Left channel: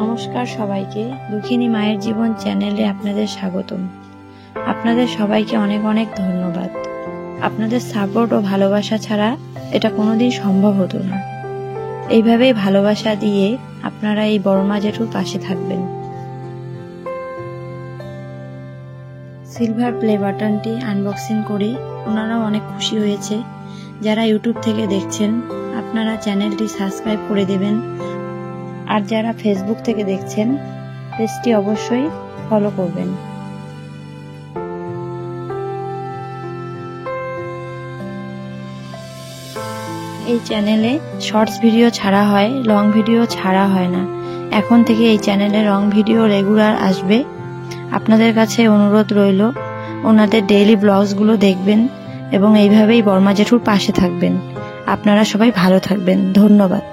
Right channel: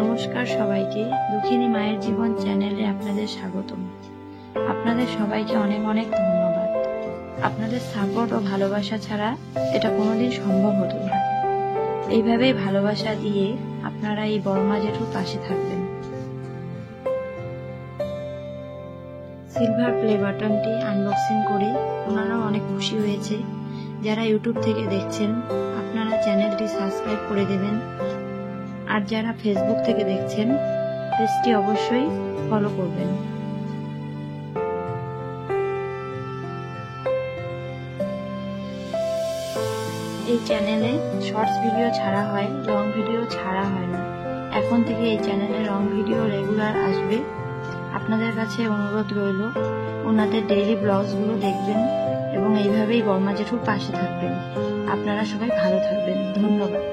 নমস্কার সবাইকে, দুঃখিনী মায়ের জীবন চ্যানেলে আপনাদের স্বাগতম। আপনাদের সবাইকে অনেক অনেক ধন্যবাদ। আপনাদের সাপোর্ট ও ভালোবাসা ছাড়া এটা কোনোদিন সম্ভব হতো না। এইভাবেই ভালোবাসা দিয়ে আপনারা এই বড় মা জেঠুর পাশে থাকবেন। সিলভার প্লে বাটনটি আনবক্সিং করি, ওনারাও অনেক খুশি হয়েছে। যারা ইউটিউব থেকে দেখছেন আপনারা চ্যানেলটি সাবস্ক্রাইব করে দেবেন, আর যারা ফেসবুক থেকে দেখছেন পেজটি অবশ্যই ফলো করবেন। এই চ্যানেলে শর্টস ভিডিও ছাড়া হয়, লং ভিডিও ছাড়া হয় না। এখন থেকে এই চ্যানেলে লং ভিডিও রেগুলার আসবে। আপনাদের কাছে অনুরোধ রইল ওনাদের ডেইলি ব্লগসগুলো দেখবেন এবং এইভাবেই বড়মা জেঠুর পাশে থাকবেন। আপনারা সবাই ভালো থাকবেন। ধন্যবাদ।